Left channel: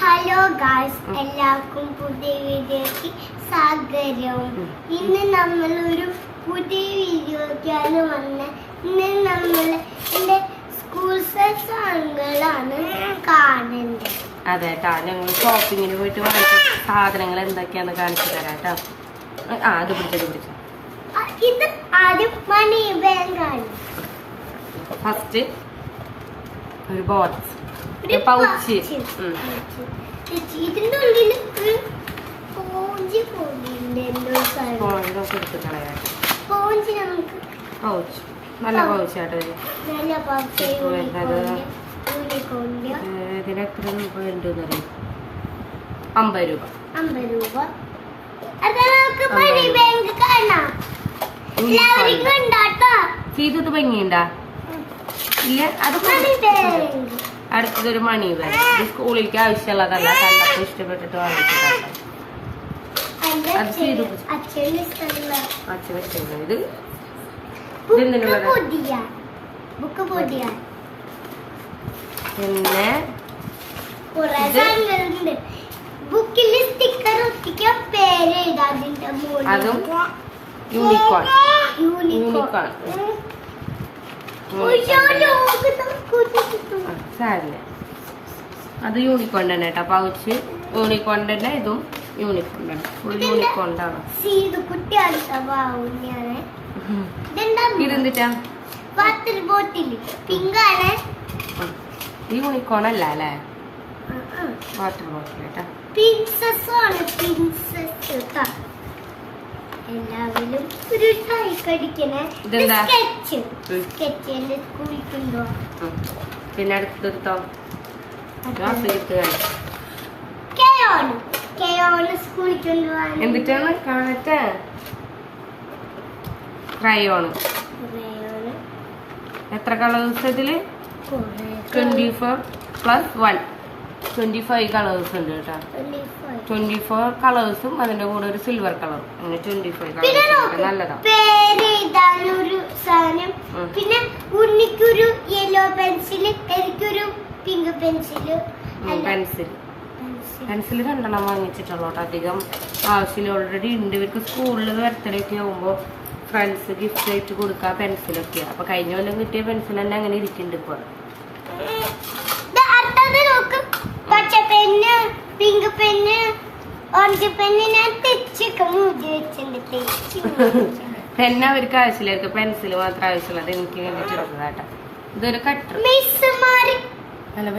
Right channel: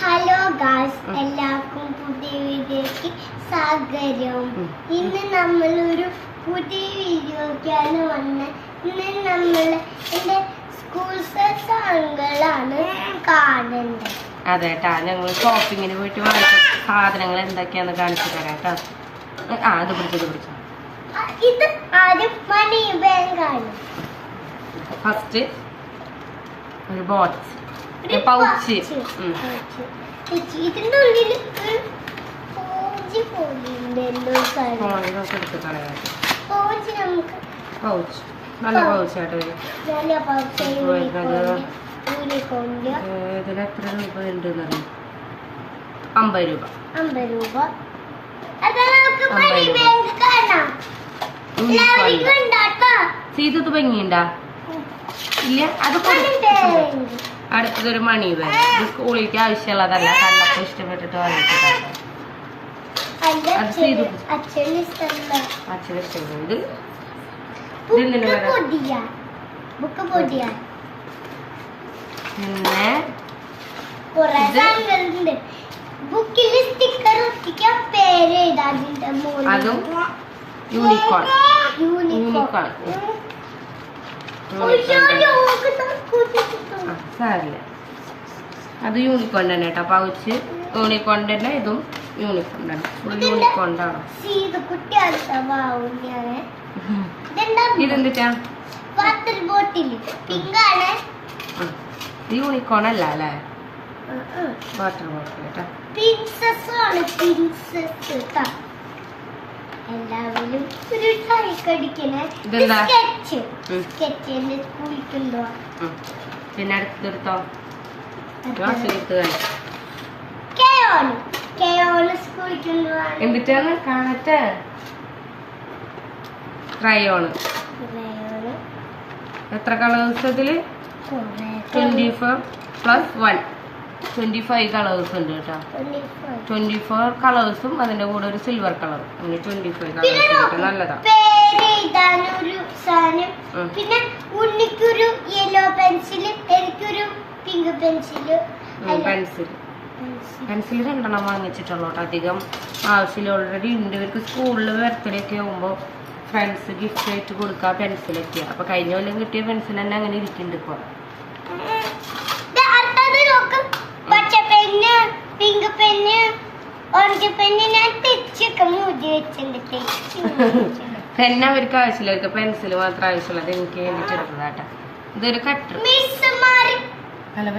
Hello guys എല്ലാവർക്കും പുതിയ വീഡിയോക്ക് സ്വാഗതം. ഇന്ന് നമ്മൾ ഒരു പുതിയ വീഡിയോക്കാണ് വന്നത് ഇന്ന് നമ്മൾ എന്റെ സ്കൂൾ സാധനങ്ങളാണ് കാണേണ്ടത് അതെ കേട്ടാ ഞങ്ങൾ ഷോപ്പിങ്ങിന് പോയിട്ട് വാങ്ങിച്ച സാധനങ്ങൾ എന്തൊക്കെയാന്ന് കാണിച്ചു തരാം കേട്ടോ ആ അത് പിടിച്ചത് പിടിച്ചു. ഇത് ആദ്യം മണി ബാങ്കാണ് ഫസ്റ്റ് ഒരു ബോക്സ് പൗച്ച്. ഇതിന്റെ ഉള്ളിൽ എടുത്ത് കളയാം പൗച്ച്. നല്ല പൗച്ച് നല്ല pouch വരുന്നത് യൂണിക്കോണിന്റെ ഇതിന് എത്ര രൂപ ഉണ്ട് അമ്പത് രൂപ. അമ്പത് രൂപ. ചെയ്തിട്ട് ഭംഗിയുണ്ടാ? ഇല്ല അത് ബാങ്ക് അടുത്തതൊരു മണി ബാഗ് ഇത് സ്കൂളിലേക്ക് ആവശ്യമുള്ളതല്ല. കണ്ടപ്പോൾ ഇഷ്ടപ്പെട്ടിട്ട് വാങ്ങിച്ചിട്ടുണ്ട് അത് ചെയ്തു. അച്ഛന് ഇത് പിന്നെ അതും യൂണിക്കോൺ യൂണിക്കോൺ യൂണിക്കോൺ. ഉം. യൂണിക്കോൺ തന്നെ. ഉയ്യോ, ഇത് കൂട്ടിച്ചിട്ടു. ആ സാരില്ല അത് യൂണിക്കോൺ തന്നെ കേട്ടോ. പൗച്ച് യൂണിക്കോൺ തന്നെ ഇതും യൂണിക്കോൺ തന്നെ. ഫുൾ വാവുണ്യാണ് ഇതെന്താ? ഇതെന്തിട്ടാ? യൂണിക്കോൺ അല്ല അല്ലേ? വാട്ടർ ബോട്ടിൽ കേട്ടോ. എല്ലാവരും ഒരു ഇതെന്താ? സ്കെച്ച് എന്റെ. പിന്നെ അടുത്തെടുത്തോ എന്നിട്ടാണ് കാണട്ടെ. ക്രയോണ് എത്ര കളേഴ്സ് ഇതിൽ twenty four plus one. Twenty five colours ഉണ്ട് കേട്ടോ. ട്വന്റി ഫോർ കളേഴ്സും അതിന്റെ കൂടെ ഒരു സിൽവർ കളറും അങ്ങനെ ട്വന്റി ഫൈവ് കളേഴ്സ് നോക്ക്, നല്ലതാണ്. പിന്നെ ഉണ്ണിക്കൊരു യെല്ലോ പെൻസിൽ എനിക്കൊരു പിങ്ക് പെൻസിൽ പെൻസിൽ പെൻസിൽ രണ്ടെണ്ണം വാങ്ങിച്ചിട്ടുള്ളൂ അധികം ആവശ്യമില്ല. ഓൾറെഡി ഉണ്ട്. ഇവർക്ക് സ്കൂളിൽ ബർത്ത്ഡേ ഒക്കെ ആകുമ്പോൾ ഫ്രണ്ട്സ് ഗിഫ്റ്റ് ആയിട്ട് കൊടുക്കുക പെൻസിലൊക്കെയാണ് അപ്പൊ കഴിഞ്ഞ കൊല്ലം കിട്ടിയ പെൻസിൽ തന്നെ അങ്ങനെ ഇരിക്കുന്നുണ്ട് ഇപ്പോൾ അടുത്തത് നോക്ക് പച്ച പെന്ന് പെന്ന് ഓറഞ്ച് പെന്ന് ഞാൻ തെച്ചൊക്കെ മൂടി വെച്ചിട്ടുണ്ട് പെൻ അവർക്ക് ആവശ്യമില്ല. അവർക്ക് പെൻസിൽ മാത്രം ആവശ്യമുള്ളത്. എനിക്ക് വേണ്ടിട്ട് ഇതൊരു കട്ടർ നല്ല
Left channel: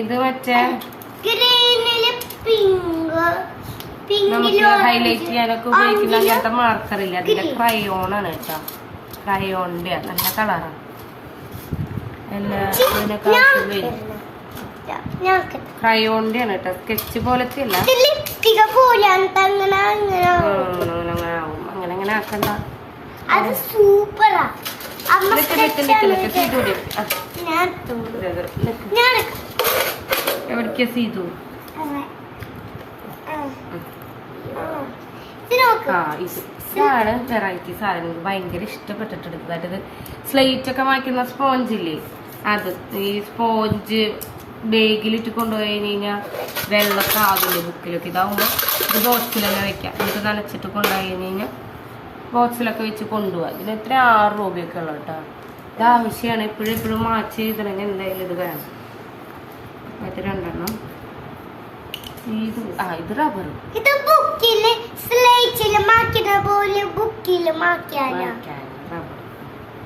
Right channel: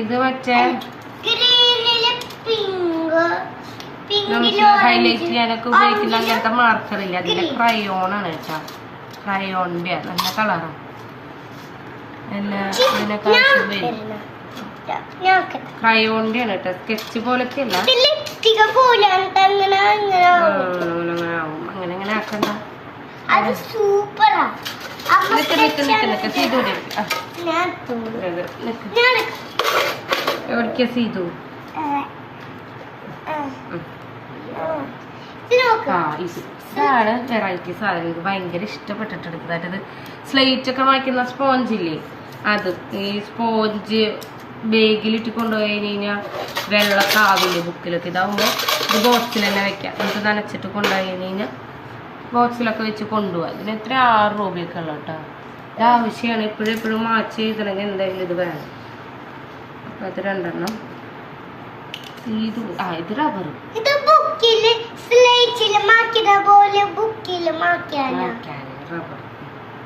ഇത് മറ്റേ? നമുക്ക് ഹൈലൈറ്റ് ചെയ്യാനൊക്കെ ഉപയോഗിക്കുന്ന അങ്ങനത്തെ മാർക്കർ ഇല്ല? അതിന്റെ ക്രയോൺ ആണ് കേട്ടോ. ക്രയോണിന്റെ നല്ല കളറാണ് എല്ലാ ഇതിനൊക്കെ വരും ക്രയോണിന്റെ ആണ് കേട്ടോ സ്കെച്ച് പോലത്തെ അല്ല അങ്ങനെ ആവും. അങ്ങനെ അങ്ങനെ ആക്കണ്ട അത് സൂപ്പറാ നിക്ക് നിക്ക് നിക്ക് നിക്ക് സീതു എവിടേക്കാ സീതു. ആ ഇത് ഇതാണ് വെറൈറ്റി സാധനം. എനിക്ക് ഭയങ്കര ഇഷ്ടപ്പെട്ടിട്ട് അതായത് സ്ലേറ്റ് ഒക്കെ വാങ്ങിക്കുന്ന സ്പോഞ്ച് ഇല്ലേ? അത്. ഈ സ്പോഞ്ച് ബേഗിലിട്ട് കൊണ്ടുപോയി കഴിഞ്ഞ് കഴിഞ്ഞാൽ വെള്ളമൊക്കെ ആവില്ലേ ബുക്കിലൊക്കെ ഇതാവുമ്പോൾ ഇത് ബോക്സിൽ തന്നെ വെക്കാം. എന്നിട്ട് നനച്ചിട്ട് കൊണ്ടുപോയി കഴിഞ്ഞ് കഴിഞ്ഞാൽ ബോക്സിലൊക്കെ വെച്ച് കൊണ്ടുപോകാം ഇതിന് എത്ര? ആറ് രൂപയൊക്കെ ഉള്ളു കേട്ടോ. ഇത് ആവശ്യമാണ് ഇപ്പോഴും എപ്പോഴും മാച്ച് ചെയ്തില്ലെങ്കിൽ എന്തായാലും ഇത് വേണം. അപ്പം അത് രണ്ടെണ്ണം. ഇത് ആ ഇത് റബ്ബർ ബുക്കിൽ സ്ലേറ്റിൽ മാക്കിന പോലെ ബുക്കിൽ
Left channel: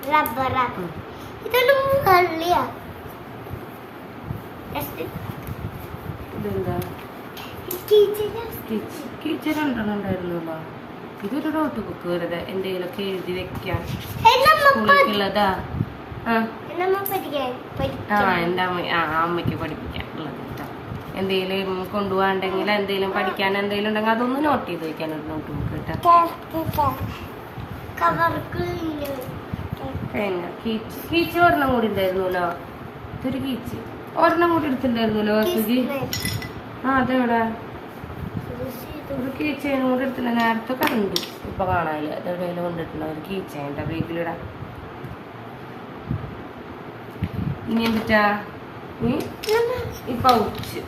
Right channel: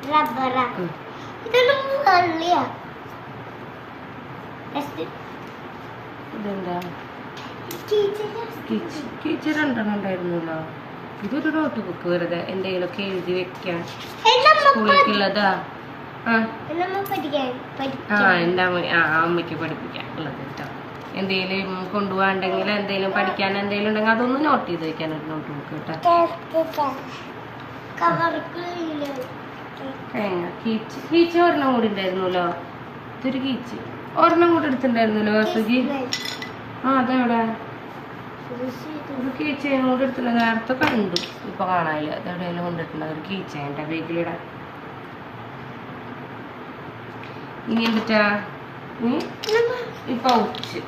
റബ്ബറാ ഇതൊന്നും വെള്ളിയാ ഇതെന്താ? രണ്ടെണ്ണം ഉണ്ടായിരുന്നല്ലോ ഇതൊരു നോട്ട് ബുക്ക് വെറുതെ എന്തെങ്കിലുമൊക്കെ എഴുതി വെക്കാൻ. സ്കൂളിലേക്കുള്ളതാ. ആ. എന്റെ അമ്മ ആ അമ്മയ്ക്ക് പഠിപ്പിക്കാൻ ഉള്ളത് കേട്ടോ. എന്തെങ്കിലും കൊണ്ടുപോകാണ്ടെങ്കിൽ എന്തെങ്കിലും പഠിക്കാൻ എന്തെങ്കിലും ഉണ്ടെങ്കിൽ അതൊന്ന് നോട്ട് ചെയ്ത് വെക്കാൻ ഒരു നോട്ട് ബുക്ക് കീച്ച്. ഒരെണ്ണം കൂടി ഉണ്ടായിരുന്നല്ലോ? ഇതൊരു കീച്ച്. ഒരെണ്ണം കൂടി എടുത്തിട്ടുണ്ടായിരുന്നല്ലോ സുജി? ആ അതെവിടെ? ഒരു കീച്ചേനും കൂടെ എടുത്തില്ല നേരത്തെ കണ്ടു. ഇപ്പൊ കാണാനില്ല. അത് എവിടെയെങ്കിലും കൊണ്ടിട്ടുണ്ട്. ഒരു കീച്ചേന്റെ ബേക്കിലിടാൻ ഇനി എന്തിട്ടാ? ഈ പൗച്ച്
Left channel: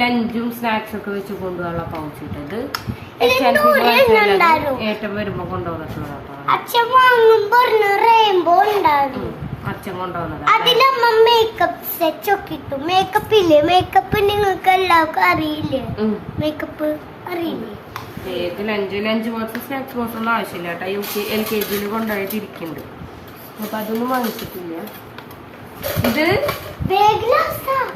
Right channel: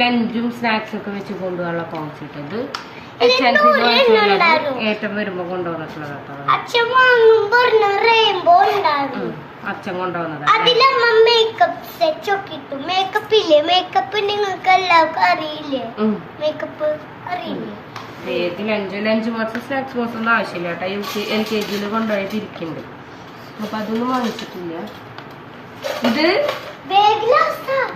ലഞ്ചും സ്നാക്സ് ഒക്കെ വെച്ച് കൊണ്ടുപോകാനുള്ള പൗച്ച് ഇട്ടത്. എച്ച് എൻ സി ഏറ്റവും വരുമ്പോ കൊണ്ടുപോകുന്നത്. അച്ഛൻ അതിലമ്മ മേക്കപ്പ് മേക്കപ്പ് ഇല്ലേ? മേക്കപ്പ് നിങ്ങൾക്ക് എല്ലാവർക്കും അറിയില്ലേ? മേക്കപ്പ് അറിയില്ലേ? ഏത് lunch lunch box snacks box ഒന്നും ആവശ്യമില്ല കേട്ടോ. യു കെ എൽ കെ ജിയിൽ ഇരിക്കുന്നുണ്ട്. അപ്പൊ അതൊന്നും വാങ്ങിച്ചിട്ടില്ല. ഇത്?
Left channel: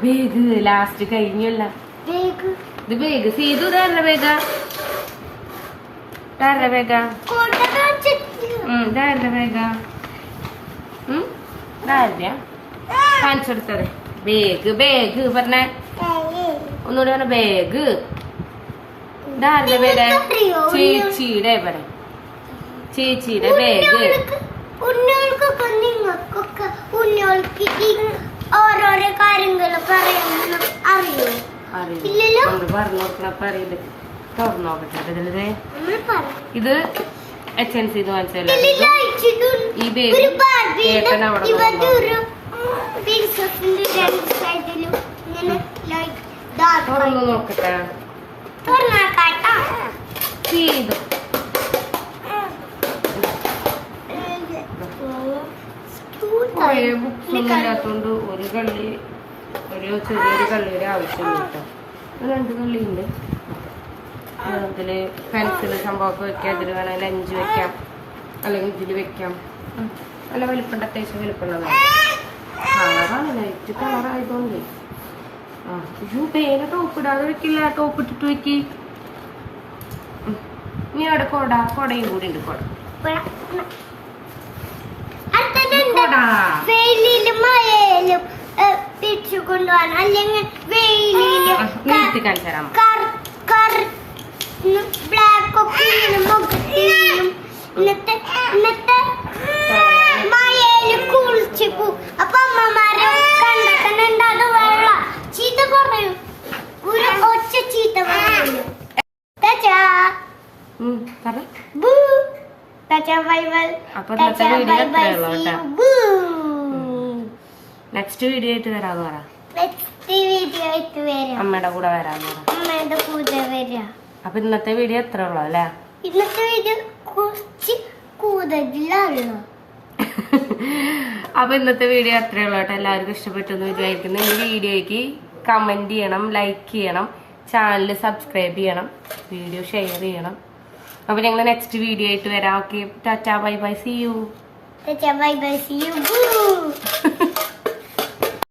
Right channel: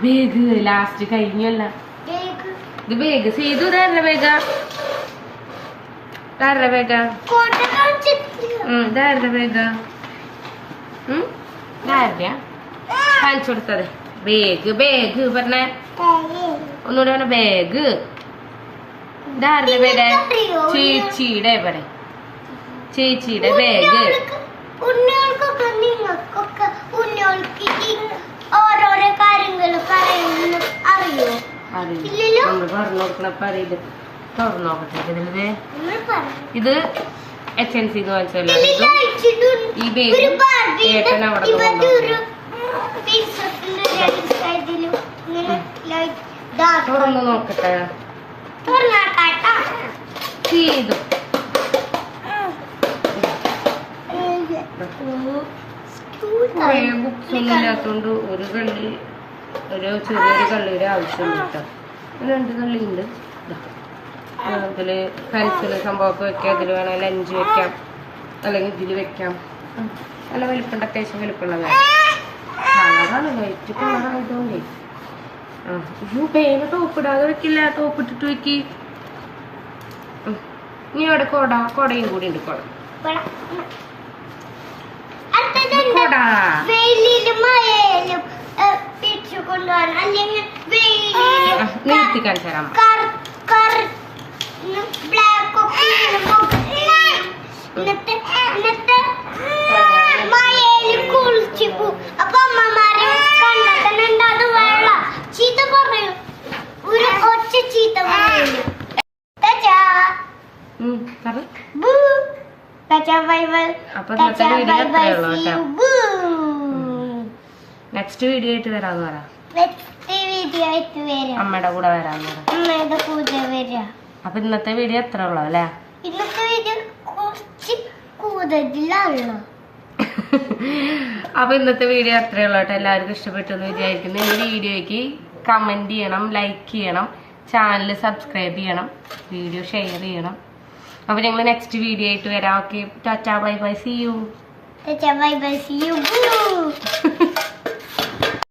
ബേഗ് ലാസ്റ്റ് കഴിഞ്ഞല്ല. ബാഗ് ഇത് ബേഗ് സീതു ഇതാരുടെ ബേഗ ഇതാരുടെ ബേഗ ഇതാരുടെ ബേഗാ കാണിച്ചു കൊടുത്തത്. ബേഗ് ബേഗ് പറഞ്ഞേ. ഒന്നുകൂടെ പറഞ്ഞ ബേഗ് ഇതാരുടെ നിങ്ങൾക്കറിയോ? ചേച്ചിയുടെ പറ ചേച്ചിയുടെ ബേഗ് ഉണ്ണികൾക്ക് ഉണ്ണികൾക്കൊക്കെ ഉണ്ണികൾക്ക് ഈ ഓരോരോ കാര്യങ്ങളൊക്കെ അറിയുന്ന അറിയോ നമ്മൾ പറഞ്ഞു തുറന്നു നോക്കട്ടെ ഇത് എച്ച് എൻ സി വാങ്ങിച്ചതല്ല? ഇതിൽ ഇത് ഈ ഏട്ടൻ അവിടെ തുറന്നു നോക്കട്ടെ. ചെയ്തു. കുറേ ബുക്സ് ഒന്നും ഇല്ലാത്തോണ്ട് ഒരു കള്ളി ഒരു ചെറിയൊരു കള്ളിയുടെ ആവശ്യമുണ്ട് കേട്ടോ. രണ്ട് കള്ളിയുണ്ട്. ഇതിൽ പെൻസിൽ സംഭവമൊക്കെ വെക്കാം. ഇതിൽ വേണമെങ്കിൽ അഞ്ച് വെക്കാം. അല്ലെങ്കിൽ ഇതിൽ വെക്കാം. നല്ല വലിപ്പുണ്ട്. അത്യാവശ്യം വലിപ്പമുള്ള കളറാണ്. ലൈറ്റ് കളറായതുകൊണ്ടേ ആ അയ്യോ പേന ടോപ്പ് ഇടാതെ വെക്കില്ല. ടോപ്പ് ഇട്ടിട്ട് വെക്കി. ഇനി അവിടെ കൊട കൊടയും കൂടി ഉണ്ട്. കൊടാ. കൊട. കൊണ്ടുപോകാൻ അല്ലെങ്കിൽ നിർത്തി കാണിച്ചു തരാം അപ്പൊ അമ്മമാരെ അത് ചീത്ത പറയും. ഒരു ഒച്ച ചീത്ത പറയും. നെക്സ്റ്റ് വീഡിയോ ആയിട്ട് തരാന്ന് പറ. അമ്മയുടെ കൂടെ വരാൻ അമ്മയുടെ കൂടെ വരാം. അപ്പൊ ഇന്നത്തെ വീഡിയോ എത്ര ഉള്ളു അല്ലേ? ഇന്നത്തെ വീഡിയോ കുറച്ച് കൂടുതലാണ് അപ്പൊ ഇന്നത്തെ വീഡിയോ അത്രേ ഉള്ളൂ കേട്ടോ? എല്ലാവർക്കും ഇഷ്ടപ്പെട്ടു എന്ന് വിചാരിക്കുന്നു. ഈ വീഡിയോയ്ക്ക് കമന്റ് ചെയ്യണം ലൈക്ക് ചെയ്യണം ചാനൽ സബ്സ്ക്രൈബ് ചെയ്യണം വീഡിയോ ഷെയർ ചെയ്യണം. അപ്പൊ ഞങ്ങൾ നെക്സ്റ്റ് വീഡിയോ ആയിട്ട് വരാം. Okay tata bye bye see you tata bye bye see you